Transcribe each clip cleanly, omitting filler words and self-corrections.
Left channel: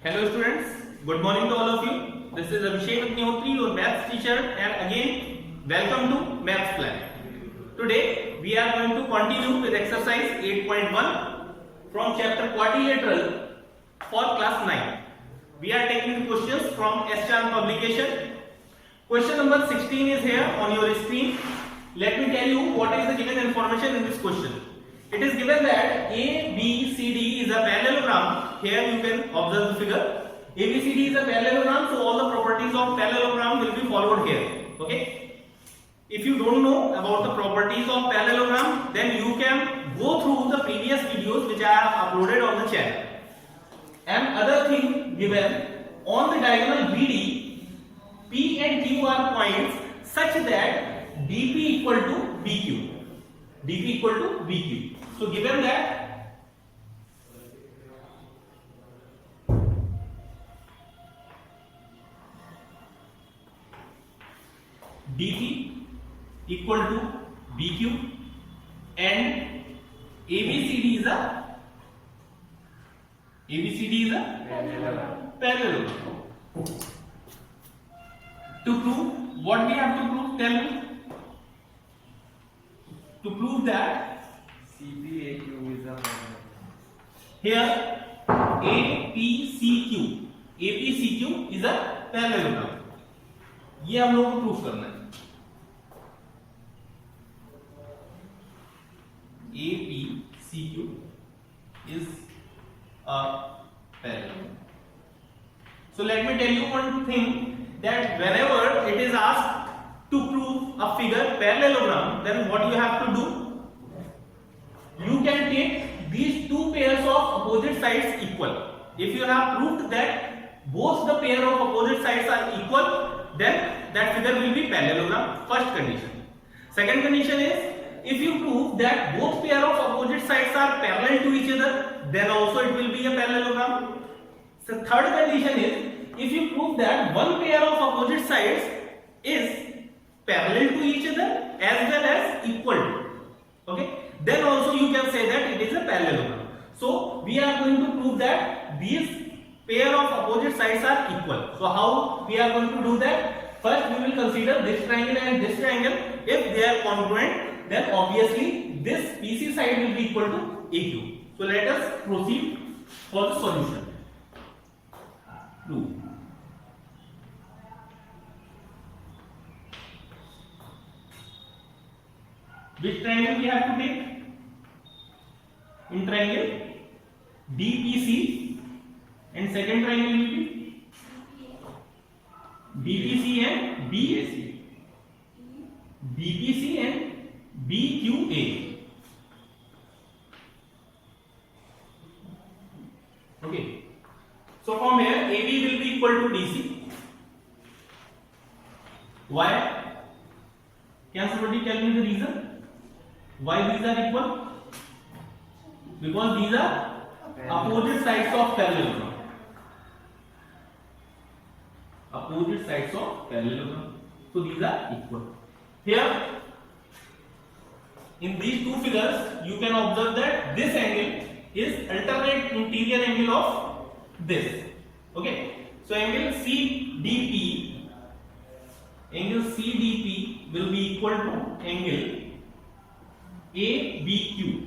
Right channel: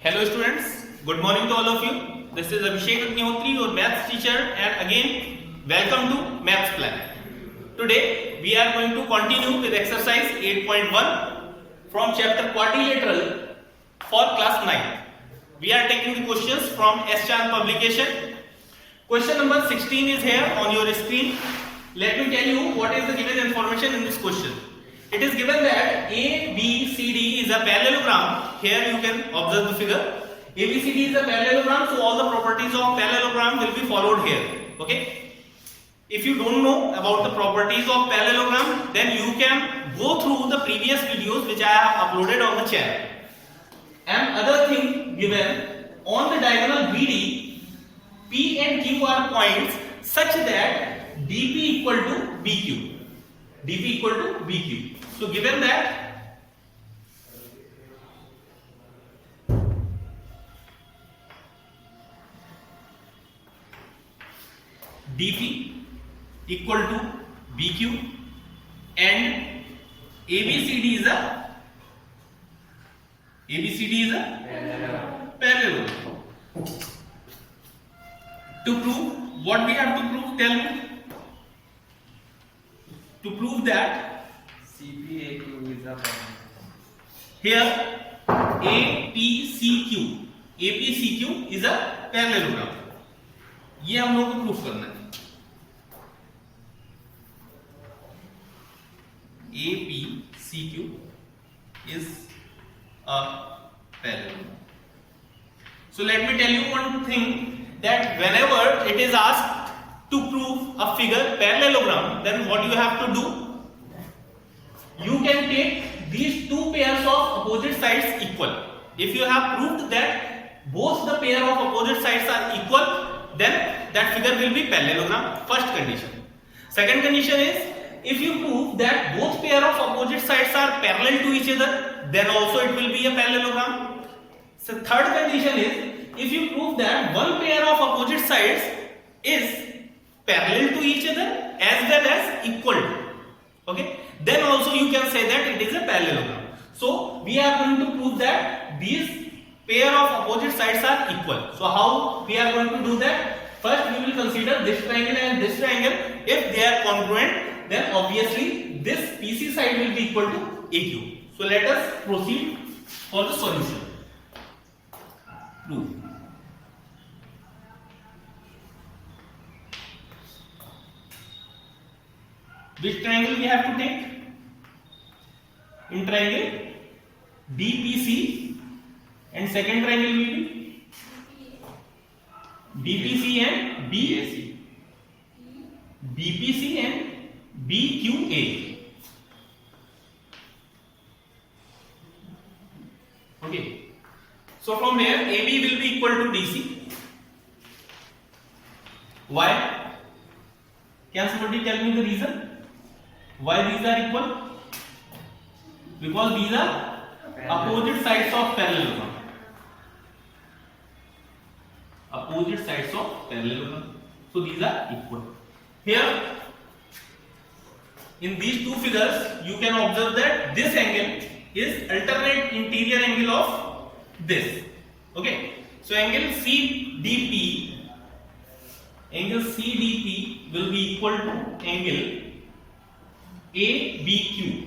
Hello students, good morning to all of you. This is Abhishek Agnihotri, your maths teacher, and again welcome to Maths Plan. Today we are going to continue with exercise 8.1 from chapter quadrilateral for class 9. We are taking the questions from S-Chan publication. Question number 16 is here on your screen. Let me tell you what is the given information in this question. It is given that ABCD is a parallelogram. Here you can observe the figure. ABCD is a parallelogram, so all the properties of parallelogram will be followed here. Okay. If you don't know about the properties of parallelogram, then you can go through the previous videos which I have uploaded on the channel. And other thing given on the diagonal BD, P and Q are points such that DP equal to BQ. DP equal to BQ. So given that DP equal to BQ and ABCD is a parallelogram. To prove, what we have to prove? Tell me. To prove that CPAQ is a here APCQ is a parallelogram. ये हम लोगों को proof करना है. APCQ is a parallelogram. So let me tell you one thing, that whenever it is asked to prove a figure parallelogram, then what you have to do? You can take these two pairs of opposite sides equal. If you have proved that both the pair of opposite sides are equal, then that figure will be parallelogram. First condition. Second condition is, if you prove that both pair of opposite sides are parallel to each other, then also it will be a parallelogram. So third condition is, if you prove that one pair of opposite sides is parallel to each other as well as equal to, okay, then also you can say that it is a parallelogram. So we are going to prove that these pair of opposite sides are equal. So how we are going to do that? First we will consider this triangle and this triangle. If they are congruent, then obviously this PC side will be equal to AQ. So let us proceed for the solution. Prove. Which triangle we have to take? In triangle DPC, and second triangle will be BPC and BAC. BPC and BQA. Okay. So from here AB will be equal to DC. Why? Can somebody tell me the reason? Why these are equal? Because these are opposite sides of parallelogram. Opposite sides of parallelogram. So these are equal. Here, in these two figures, you can observe that this angle is alternate interior angle of this. Okay. So angle CDP will be equal to angle ABQ.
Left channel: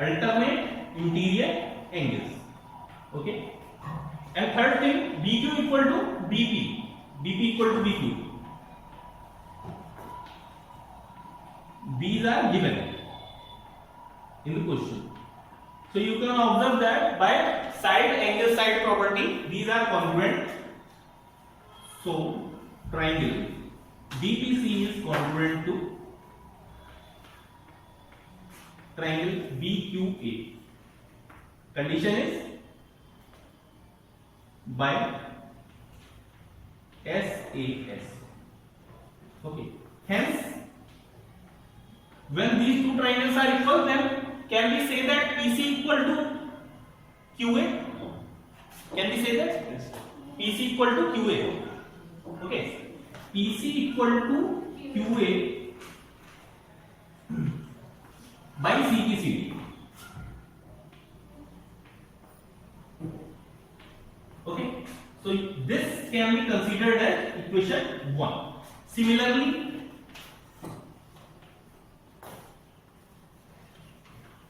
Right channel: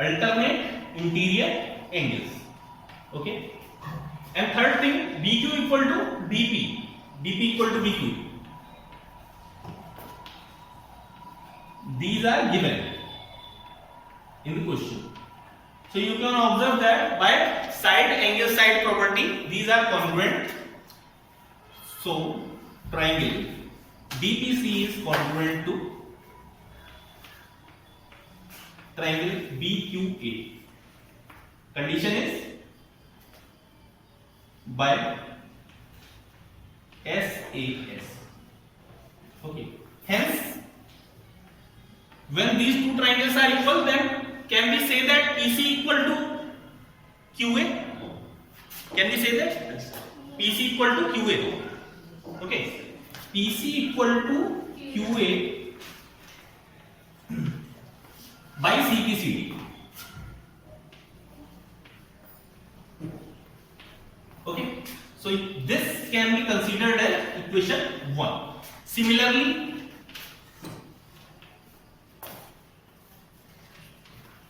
Alternate interior angles. Okay. And third thing, BQ equal to BP. BP equal to BQ. These are given in the question. So you can observe that by side angle side property, these are congruent. So triangle DPC is congruent to triangle BQA. Condition is by SAS. Okay. Hence, when these two triangles are equal, then can we say that PC equal to QA? Can we say that? PC equal to QA. Okay. PC equal to QA by CPCD. can be considered as equation 1. Similarly,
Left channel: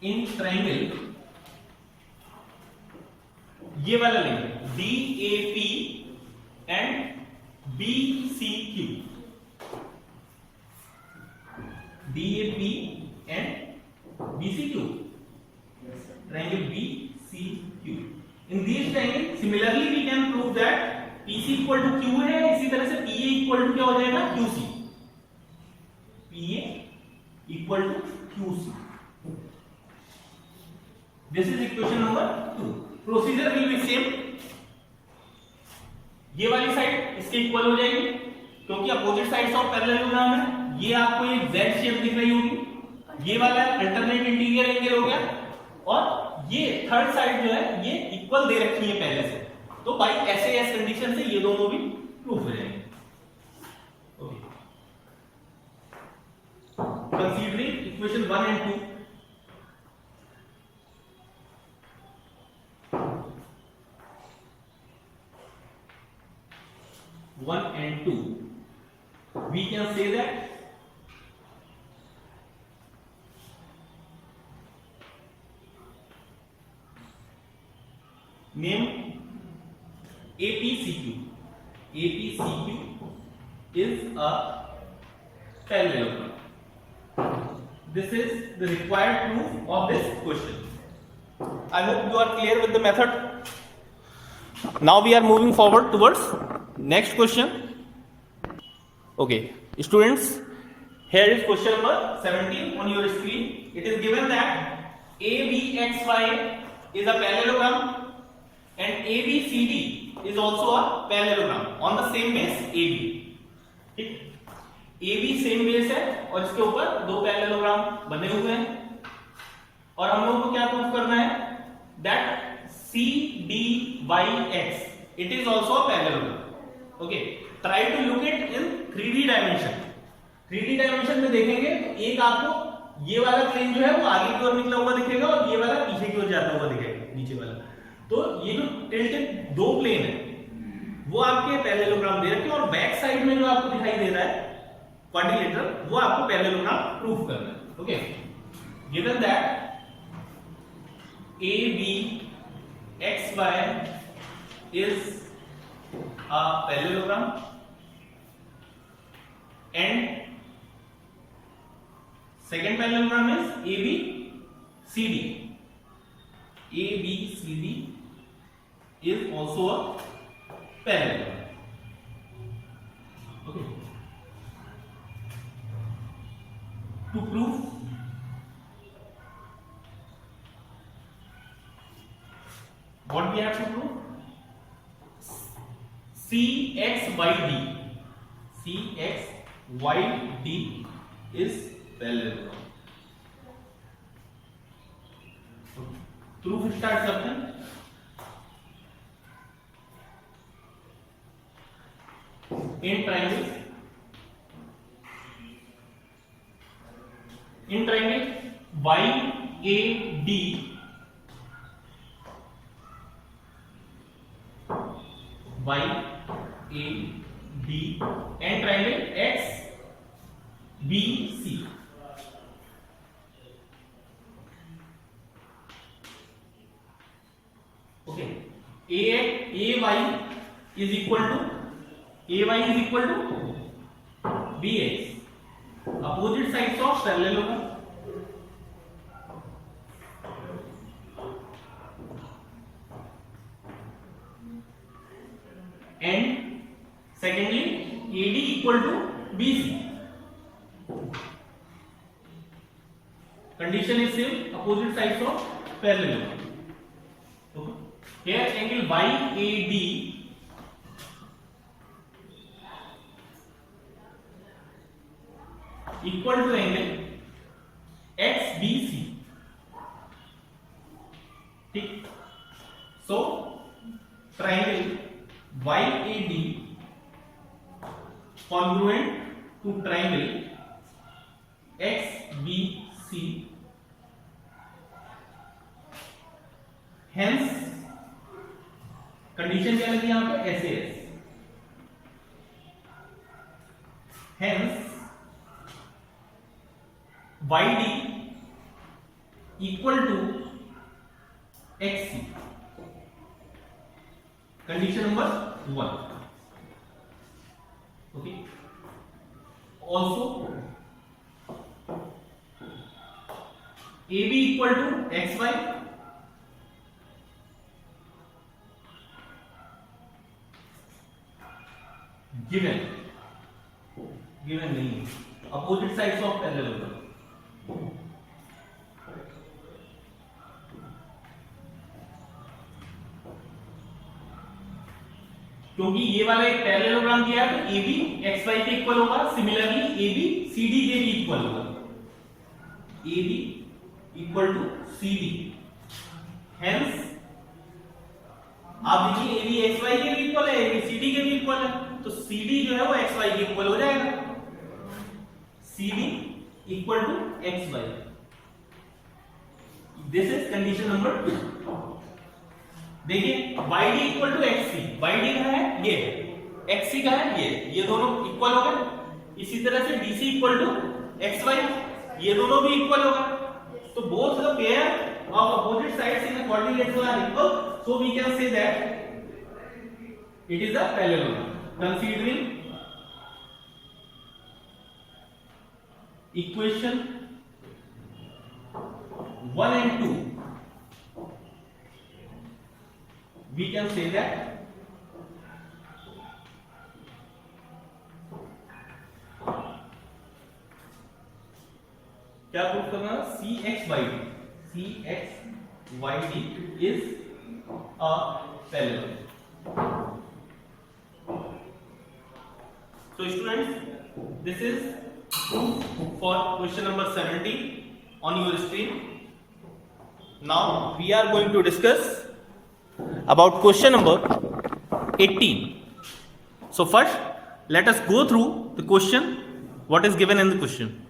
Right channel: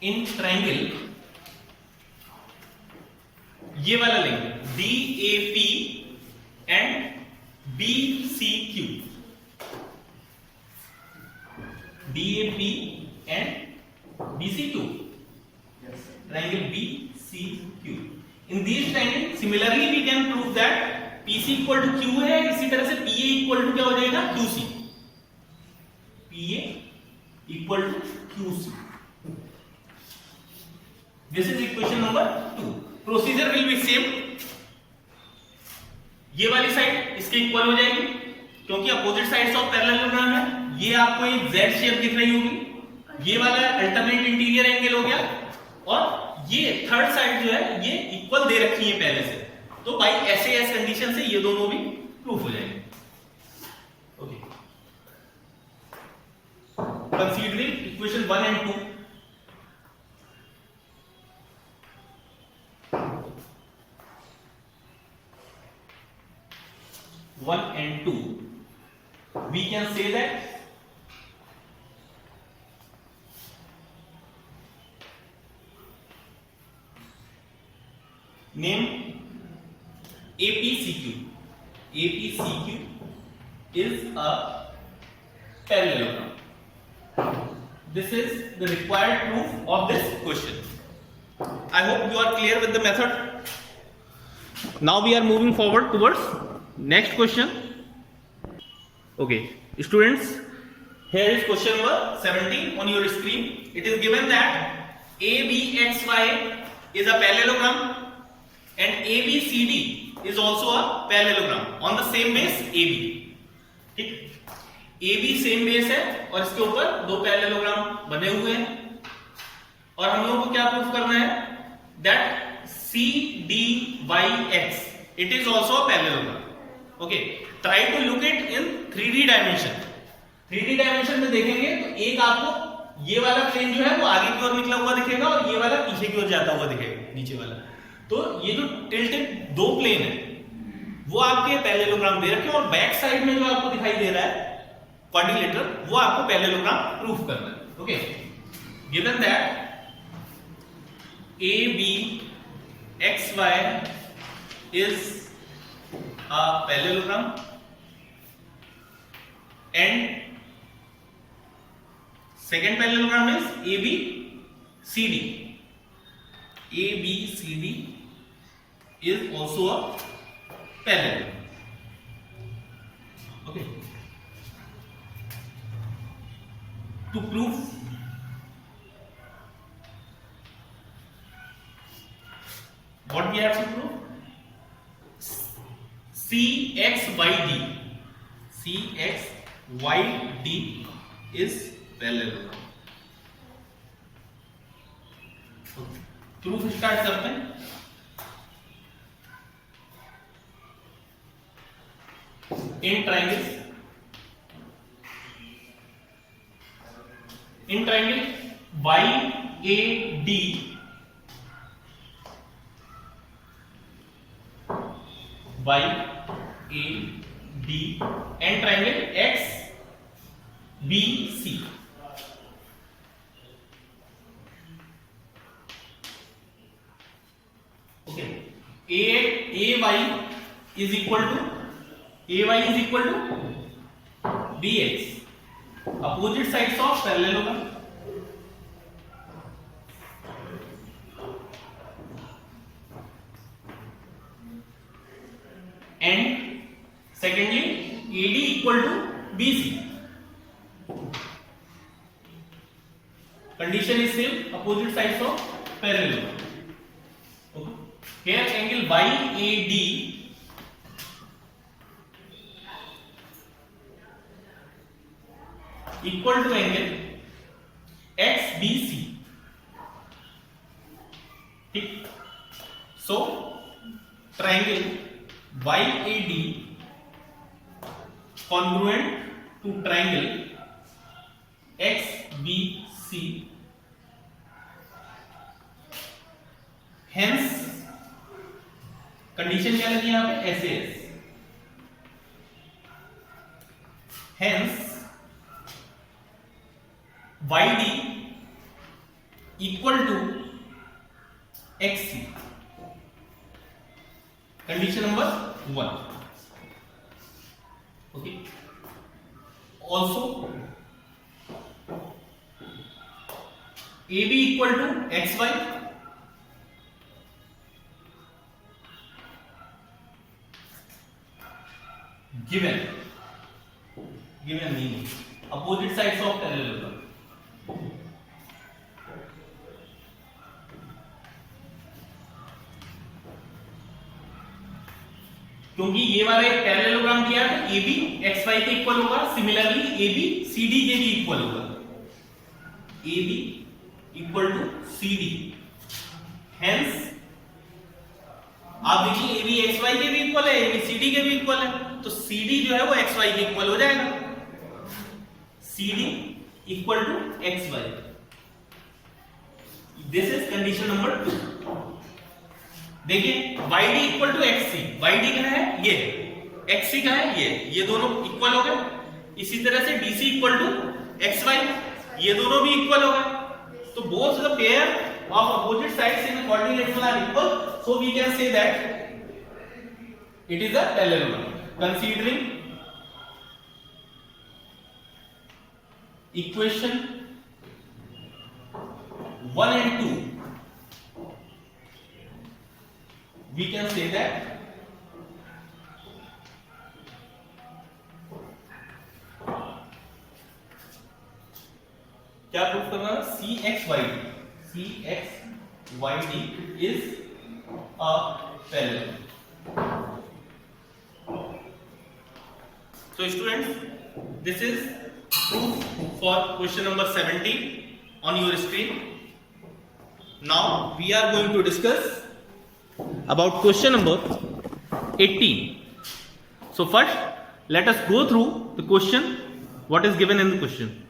in triangle ये वाला लेंगे DAP and BCQ, DAP and BCQ, Yes. triangle BCQ. In these triangle similarly we can prove that PC equal to Q है, इसी तरह से PA equal to क्या हो जाएगा QC, PA equal to QC. This is equation number 2. Procedure will be same. ये वाली side इसके इक्वल हो जाएगी क्योंकि अपोजिट साइड्स ऑफ पैरेललोग्राम है. ये आपको एक Z शेप दिख रही होगी, ये वाला अल्टरनेट इंटीरियर एंगल हो गया, और ये थर्ड साइड जो है ये इक्वल दे रखी है पहले से, तो बाई SAS कंडीशन से ये दोनों भी प्रूफ हो जाएंगे. Okay, considering equation 1 and 2, and 2, we can say that name APCQ. APCQ is a parallelogram. This is the required proof of this question. I hope you are clear with the method. Now we are moving forward towards next question. Okay, students, here is question number 17 on your screen. It is given that ABXY is a parallelogram and ABCD is also a parallelogram on the same base AB. ठीक, AB same base है और इसके ऊपर दो parallelogram बने हुए हैं, और हम लोगों को क्या प्रूफ करना है, that CDYX it is also a parallelogram. Okay, try to look it in 3D dimension. 3D dimension में देखेंगे तो एक आपको ये वाला प्लेन जो है वो आगे की ओर निकला हुआ दिखेगा और ये वाला पीछे की ओर जाता हुआ दिखेगा, नीचे वाला. तो ये जो टिल्टेड दो प्लेन है वो आपके पैरेललोग्राम दे रखे हैं, और बैक साइड में जो आपको दिखाई दे रहा है क्वाड्रिलेटरल, वो आपको पैरेललोग्राम प्रूफ करना है. Okay, given that ABXY is a parallelogram and second parallelogram is ABCD. ABCD is also a parallelogram. Okay, to prove what we have to prove, CXYD is parallelogram. Proof start करते हैं. In triangle YAD and triangle XBC. Okay, AY is equal to BX, opposite sides of parallelogram. And secondly, AD equal to BC. Condition is same, opposite sides of parallelogram. Okay. Here angle YAD equal to angle XBC. ठीक, so triangle YAD congruent to triangle XBC, hence condition क्या लगी यहाँ पे SAS. hence YD equal to XC. Condition number 1. Okay. Also AB equal to XY, given means opposite sides of parallelogram. क्योंकि ये वाला एक parallelogram दिया है तो AB XY के इक्वल होगा, सिमिलरली AB CD के भी इक्वल होगा, AB equal to CD, hence आप देखिए AB XY के भी इक्वल है, AB CD के भी इक्वल है, तो CD जो है वो XY के इक्वल हो जाएगा, CD equal to XY. This is condition number 2. देखिए YD equal to XC, YD का है ये, XC का है ये दोनों इक्वल हो गए. इसी तरह से DC इक्वल टू XY, ये दोनों भी इक्वल हो गए. तो both the pair of opposite sides in the quadrilateral are equal, so we can say that it is a parallelogram. Considering equation 1 and 2, we can say that क्या proof करना है? CXYD is a parallelogram. So students, this is proof for question number 70 on your screen. Now we are going to discuss about question number 18. So first let us go through the question, what is given in the question.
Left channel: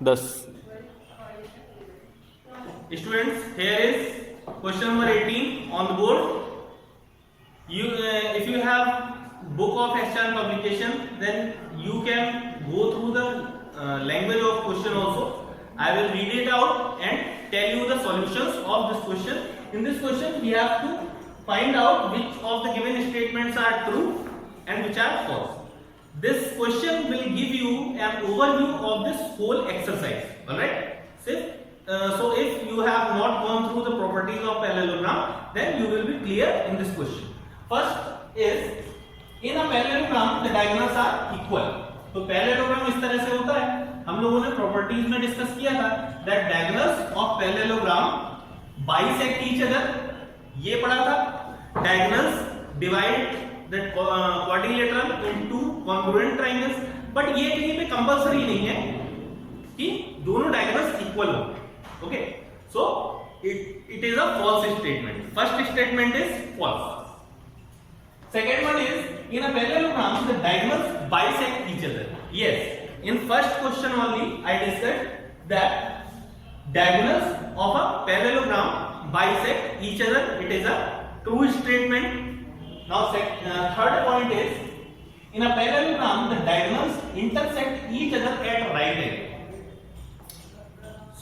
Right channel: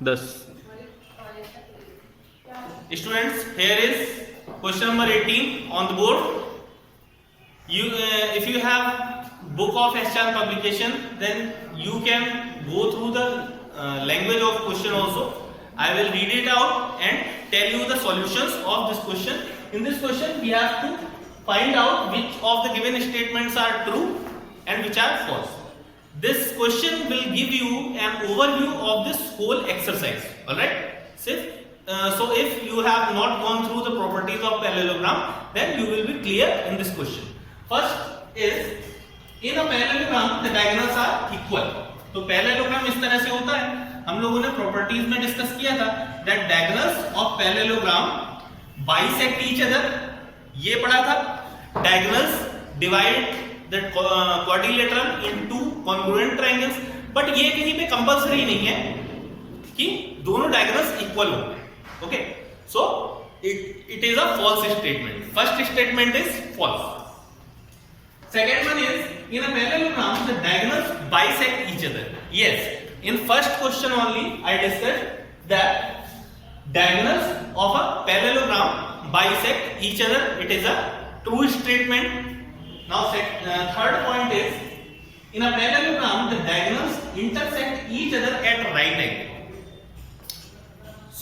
Thus students, here is question number 18 on the board. You if you have book of Aschan publication, then you can go through the language of question also. I will read it out and tell you the solutions of this question. In this question we have to find out which of the given statements are true and which are false. This question will give you an overview of this whole exercise. Alright? So if you have not gone through the properties of parallelogram, then you will be clear in this question. First is, in a parallelogram the diagonals are equal. तो parallelogram इस तरह से होता है. हम लोगों ने properties में डिस्कस किया था that diagonals of parallelogram bisect each other, ये पढ़ा था. Diagonals divide the quadrilateral into congruent triangles. But ये कहीं पे कंपलसरी नहीं है कि दोनों डायगोनल्स इक्वल हो. Okay, so it is a false statement. First statement is false. Second one is, in a parallelogram the diagonals bisect each other. Yes, in first question only I discussed that diagonals of a parallelogram bisect each other. It is a true statement. Now third point is, in a parallelogram the diagonals intersect each other at right angle.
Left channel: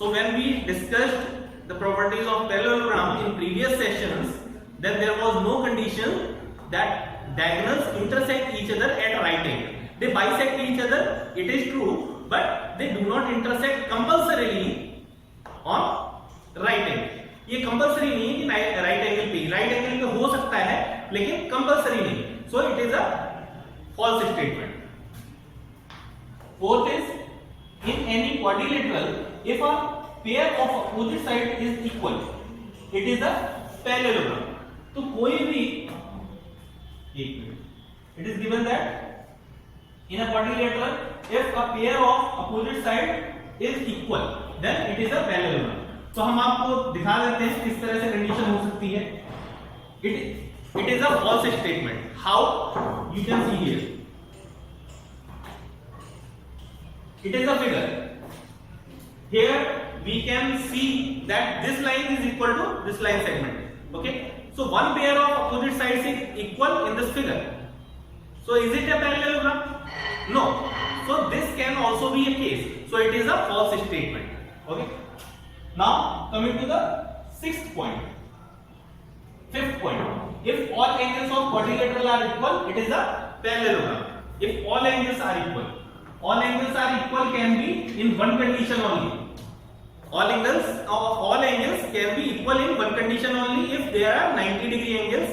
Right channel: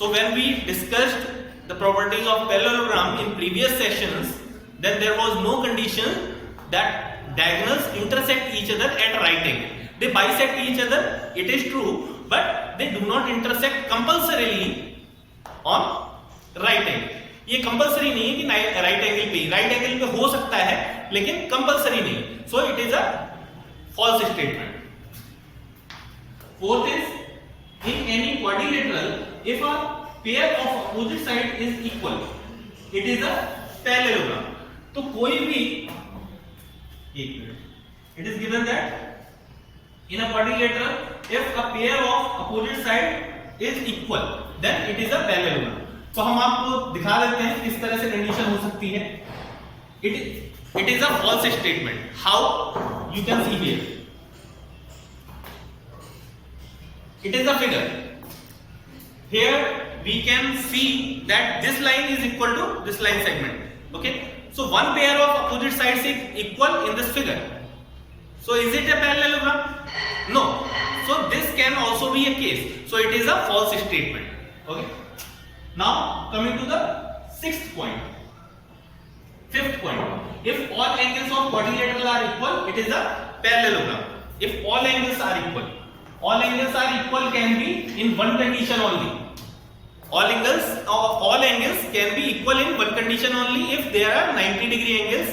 So when we discussed the properties of parallelogram in previous sessions, then there was no condition that diagonals intersect each other at right angle. They bisect each other, it is true, but they do not intersect compulsorily on right angle. ये compulsory नहीं है कि right angle पे, right angle पे हो सकता है लेकिन कंपल्सरी नहीं. So it is a false statement. Fourth is, in any quadrilateral if a pair of opposite side is equal, it is a parallelogram. तो कोई भी it is given that in a quadrilateral if a pair of opposite side is equal then it is a parallelogram. तो हम आपको दिखा देते हैं किस तरह से कंडीशन हो सकती है. it is a false statement. How? You can see here, it is a figure. Here we can see that this line is equal to this line segment. Okay, so one pair of opposite sides is equal in this figure. So is it a parallelogram? No. So this can also be a case. So it is a false statement. Okay. Now coming to the fifth point. If all angles of quadrilateral are equal, it is a parallelogram. If all angles are equal can be in one condition only. All angles can be equal in one condition only if there are 90-degree angles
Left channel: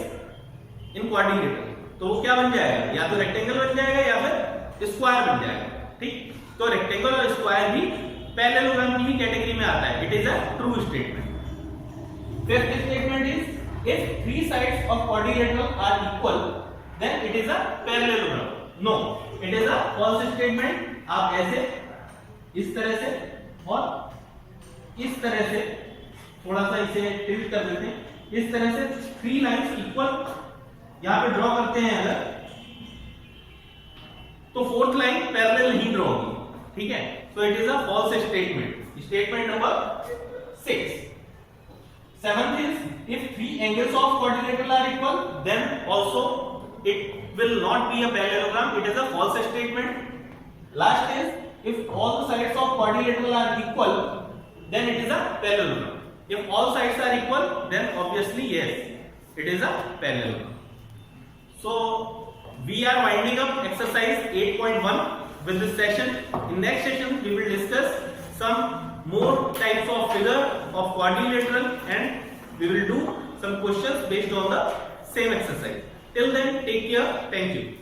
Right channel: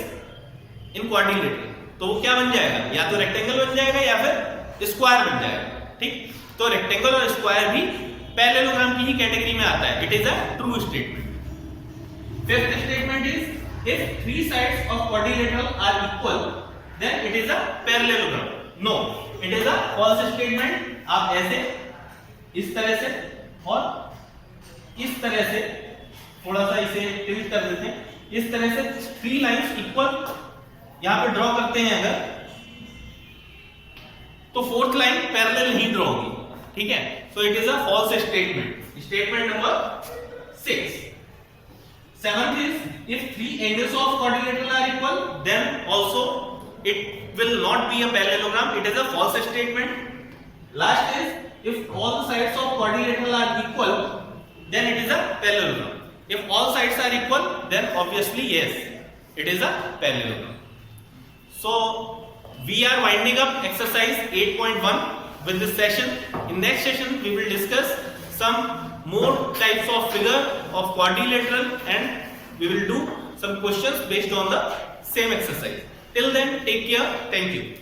in quadrilateral. तो वो क्या बन जाएगा? या तो rectangle बन जाएगा या फिर स्क्वायर बन जाएगा. ठीक, तो रेक्टेंगल और स्क्वायर भी पैरेललोग्राम की ही कैटेगरी में आता है. It is a true statement. Fifth statement is if three sides of quadrilateral are equal then it is a parallelogram. No, it is a false statement. आप ऐसे, इस तरह से और इस तरह से थोड़ा सा इसे टिल्ट कर देते हैं. इस तरह से थ्री लाइंस इक्वल यहां पे ड्रॉ करते हैं अगर, तो फोर्थ लाइन पैरेलल नहीं ड्रॉ होगी. ठीक है, so it is a false statement. Statement number 6. Seventh is if three angles of quadrilateral are equal then also it will not be a parallelogram. It is a false statement. Last is if all the sides of quadrilateral are equal then it is a parallelogram. If all sides are equal, then obviously yes, it is a parallelogram. So we are winding up exercise 8.1 with this session. In next session we will discuss some more types of figure of quadrilateral and we will do some questions based on the same exercise. Till then, take care. Thank you.